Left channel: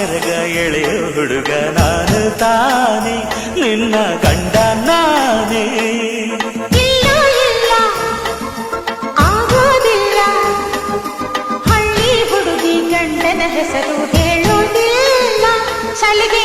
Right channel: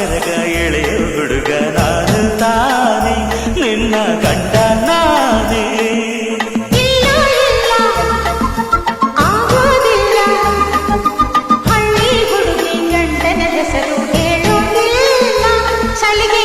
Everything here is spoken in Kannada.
ಸೆರಗ ಎಳೆಯೋ ಹುಡುಗ ನಾನು ತಾನೇ, ನಿನ್ನ ಗಂಡ ನಾನೇ. ಇಲ್ಲ ಇಲ್ಲ ಆಗೋದಿಲ್ಲ, ಹಳ್ಳಿ ಹುಡುಗಿ ಗಂಡನ ಹೆಸರು ಹೇಳೋದಿಲ್ಲ, ಸಲಿಗೆ